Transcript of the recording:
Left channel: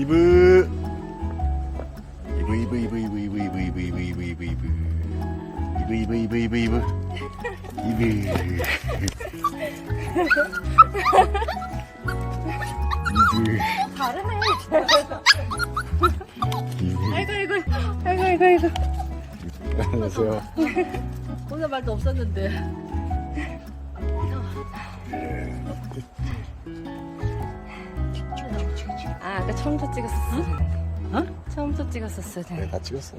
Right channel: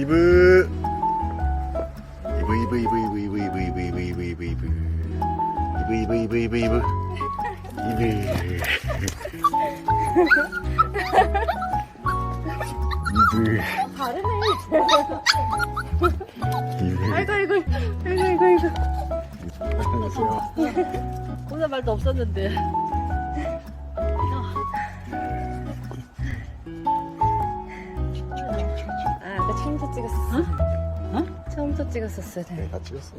이브 이브 이브 이브 이브 이브 이브 이브 이브 이브 이브 이브 이브 이브 이브 이브 아이고. 오늘 말도 없었는데. 아, 아까 처음부터 찍었었어. 어? 처음부터 찍었었어야 돼. 다 찍었어.